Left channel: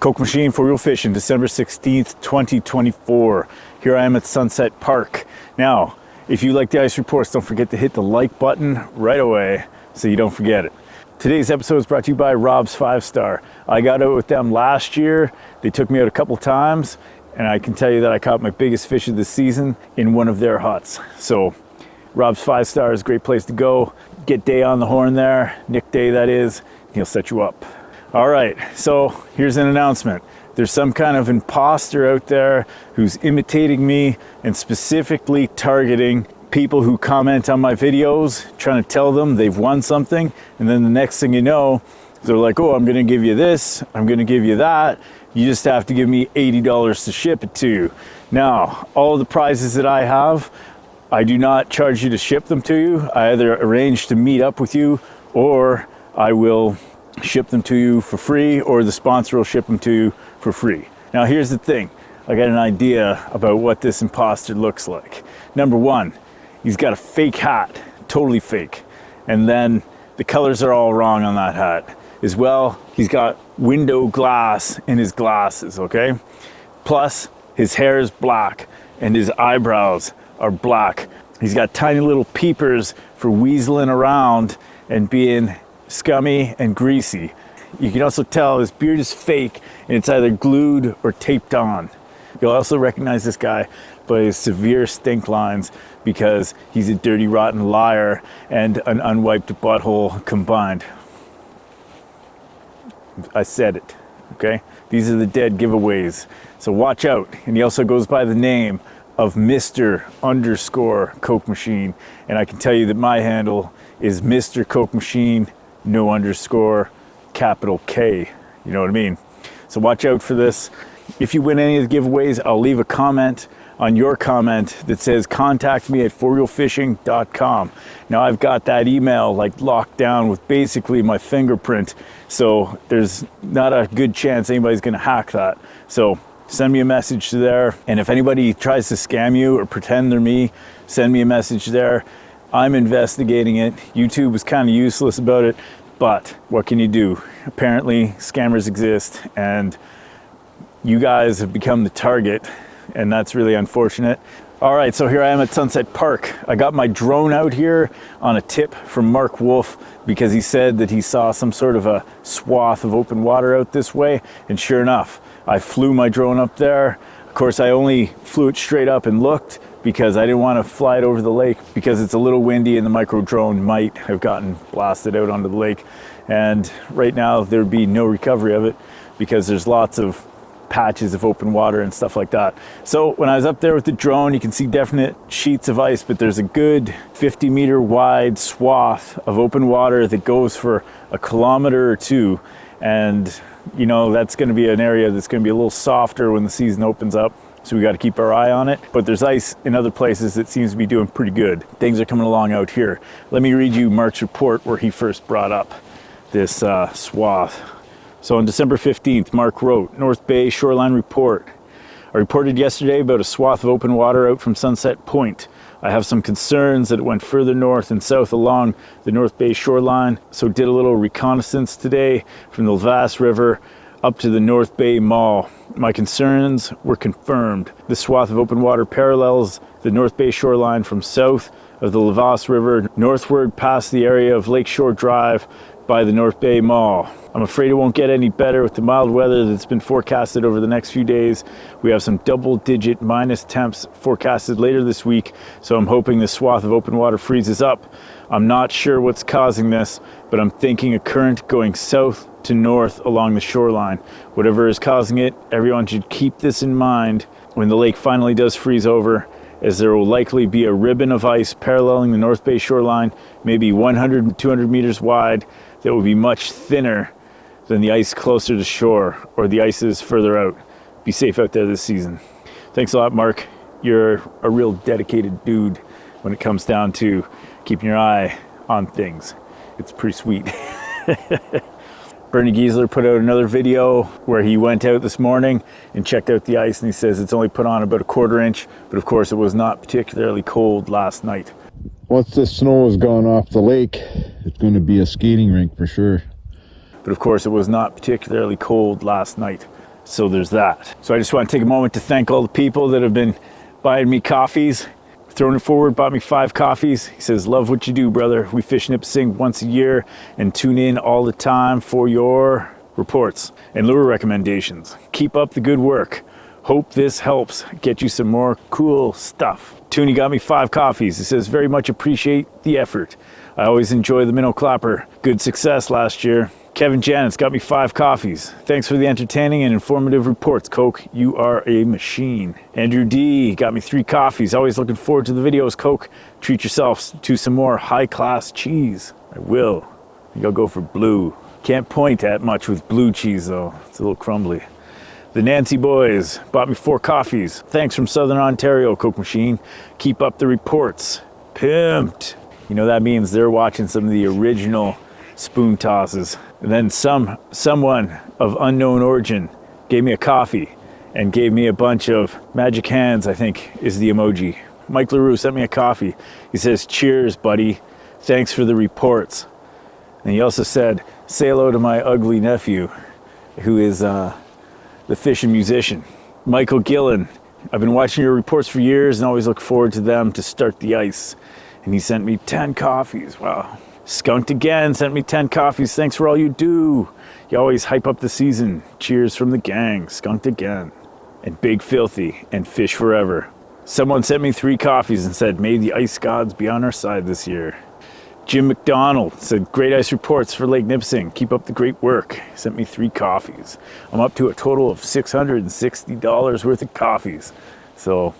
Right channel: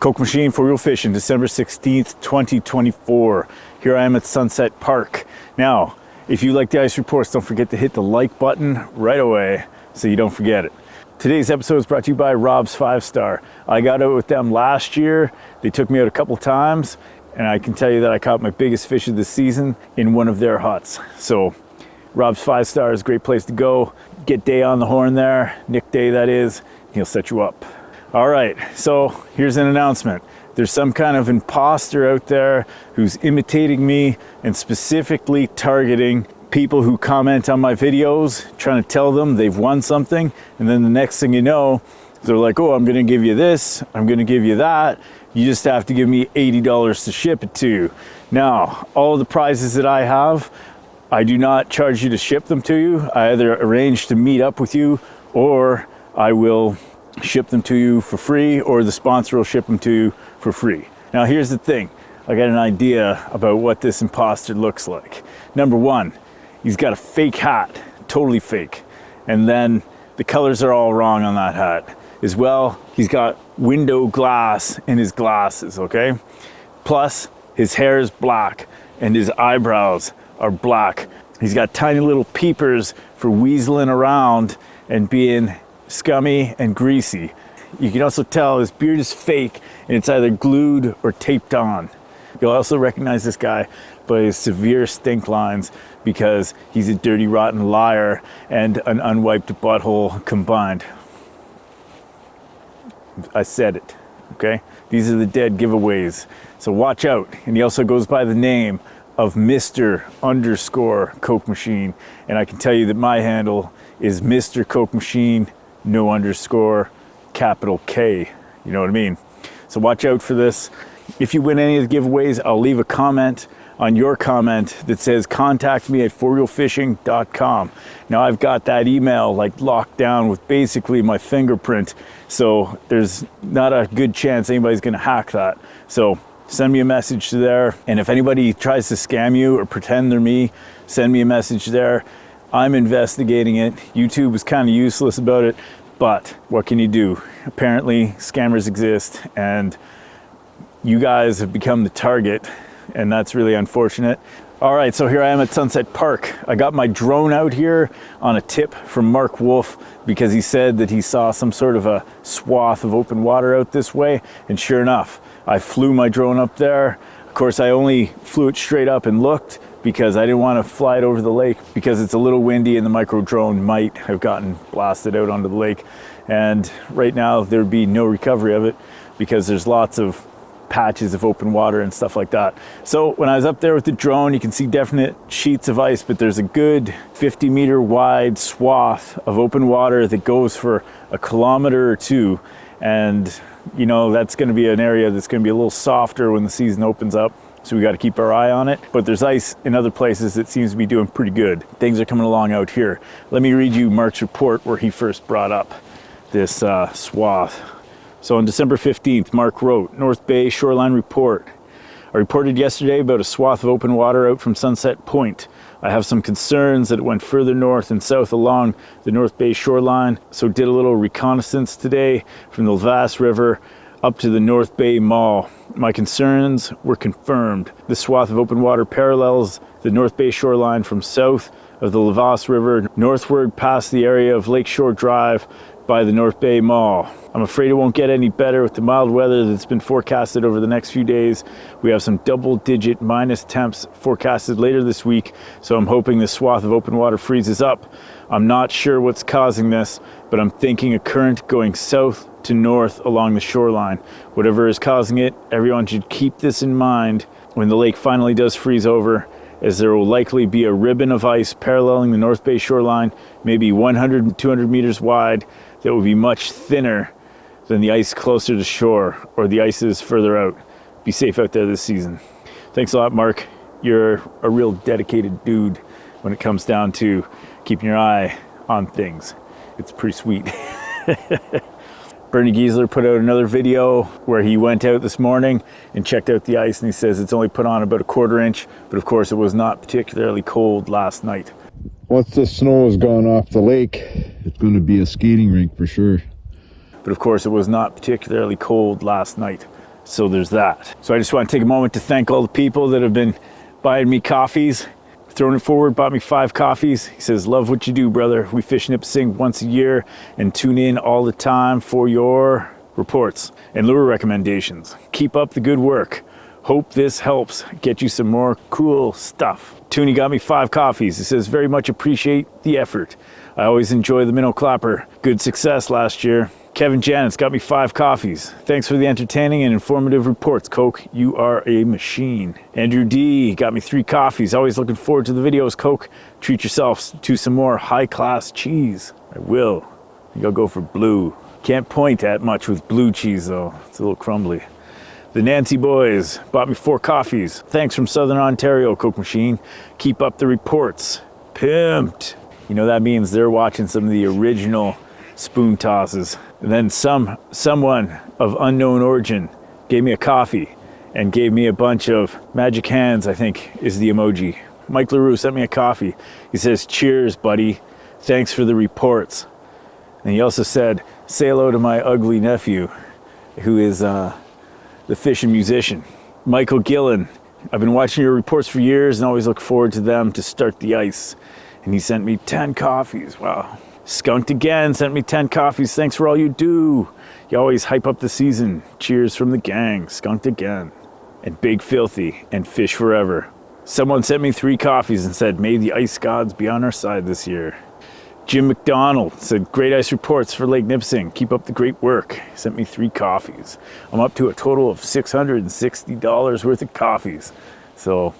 Kokemachine for real fishing, December 16th, 2024. Here I am at Sunset Park. Now, if you like the ice reports, don't forget to hit the like button right away so you don't forget it. Today's episode is brought to you by Rob's 5-Star. I got out with them last year. They took me out a couple times, and I can tell you that I caught my biggest fish of the season in one of their huts. So, Rob's 5-Star is a great place to go. Get Day on the horn there, Nick Day that is, he'll set you up. All right, so here's an announcement. There's some kind of imposter out there who's imitating me and specifically targeting people who comment on my videos, trying to tell them they've won something, and then the next thing you know, they're like, oh, I'm gonna give you this, I'm gonna give you that, you just have to give me $80 to ship it to you. Now, all the prizes that I have, I do not charge you to ship them to you. I either arrange to meet up with you, or I will ship them to you for free, or the sponsor will ship them to you for free. Now here's the thing, I got an idea about what this imposter looks like. Number one, he's got a fake hat, totally fake, and then the colors are all wrong on that hat. As well, he's got window glass in his glasses, okay? Plus, his hair is black and his eyebrows are black. He's got tiny little peepers for weaseling around and being scummy and greasy. You can also tell his beard is fake and it's either glued or taped on. You'll also recognize this guy by his severe stink lines because he's a dirty, rotten liar and an unwiped butthole combined. I said it, okay? These are the dead giveaways, so watch out. And he also goes by the name of Mr. Kokemachine, and I can tell you that my handle is Mr. Kokemachine, no underscore, capital K. You know what I mean? So watch out for this. If you win any of the giveaways, I'll leave a comment on your comment that says contact me at forrealfishing.com. Now I've got that email like locked down with basically my fingerprint, so there's not a good chance anybody's gonna hack that. So send me a message to there, and if anybody tries to scam you or pretend they're me, send me a message there. I'm investigating it. YouTube was kind of useless about it, but what can you do? Apparently scammers exist, and you guys have become the target, and that's really unfortunate. All right, so here I am at Sunset Park. I got my drone out here on a tip from Mark Wolf because he said that he saw some sort of a swath of open water out this way, and sure enough, I flew my drone up there. Of course, I only flew it straight up and looked because I didn't want to fly it over the lake because it's a little windy and the micro drone might have gotten blasted out onto the lake. And right now there'd be no recovery of it because there's lots of patches of open water and stuff like that. So when I was up there with the drone, you can see definite sheets of ice, but there's a good 50-meter wide swath of open water that goes for a kilometer or two. And you know, that's going to be an area that's going to be a little softer when the season opens up. So we got to keep our eye on it. But there's ice in other places that seems to be doing pretty good. Things are coming along out here. Let me read you Mark's report where he first brought up this swath. So on December 15th, Mark wrote, North Bay Shoreline Report. I reported yesterday about a swath of open water out from Sunset Point. I have some concerns that it went further north and south along the North Bay shoreline, so did a little reconnaissance today from the Levasse River up to the North Bay Mall. My concerns were confirmed. This swath of open water parallels the North Bay shoreline from south of the Levasse River northward past the area of Lakeshore Drive by the North Bay Mall. I'm afraid it won't get any better with the mild weather that's been forecasted over the next few days. We have some double-digit minus temps forecasted later this week, so I'm hoping this swath of open water freezes up. I'm not sure what's causing this, but I'm thinking a current going south to north along the shoreline. Whatever is causing it, everyone should keep this in mind when the lake finally does freeze over, as there will likely be a ribbon of ice paralleling the North Bay shoreline, maybe 100 to 200 meters wide, that will be much thinner than the ice closer to shore or the ice is further out. Be safe out there this season. Thanks a lot, Mark. You're a real dedicated dude when it comes down to keeping your eye on things. It's pretty sweet. Bernie Giesler put out another video where he went out this morning and checked out the ice, and he says it's only put on about a quarter inch, but of course it was not particularly cold last night. Once the snow is gone off the lake, it's going to be a skating rink for sure. But of course it was not particularly cold last night. So there's that. So I just want to take a moment to thank all the people that have been buying me coffees. Throwing it forward, bought me 5 coffees. He says, love what you do, brother. We fish Nipissing once a year and tune in all the time for your reports and lure recommendations. Keep up the good work. Hope this helps get you some more cool stuff. Toonie got me 5 coffees. He says, very much appreciate the effort. I always enjoy the Minnow clapper. Good success last year. Kevin Janet's got me 5 coffees. Thanks for the entertaining and informative reports, Coke. You are a machine. Andrew D got me 3 coffees. Always looking forward to the videos, Coke. Treat yourselves to some more high-class cheese. I will. I think I'll go for blue. Can't point at much with blue cheese, though. It's a little crumbly. The Nancy boys bought me 4 coffees. Thanks from Southern Ontario, Kokemachine. Keep up the reports. Pimped. You know, that means they're watching some of the original spoon tosses. And then someone of unknown origin gave me a coffee and gave me a bunch of magic hands, I think is the emoji. Mike LaRue sent me a coffee. He says, cheers, buddy. Thanks for the reports. And he also said, say hello to my ugly nephew, who is the fishing musician. Michael Gillen. I've been watching your reports for years and always look forward to them to start the ice. And he sent me 10 coffees. Wow. Skunked again, sent me 10 coffees. Thanks for all you do. You always hype up the season. Cheers from the gang. Skunked again. And Big Filthy and Fish Forever. Someone sent me 3 coffees and said, may the ice gods be on our side this year. Jim McDonald said, great ice reports for Lake Nipissing. Keep up the great work. Sent me 3 coffees. I'm up to a total of $660 worth of coffees. So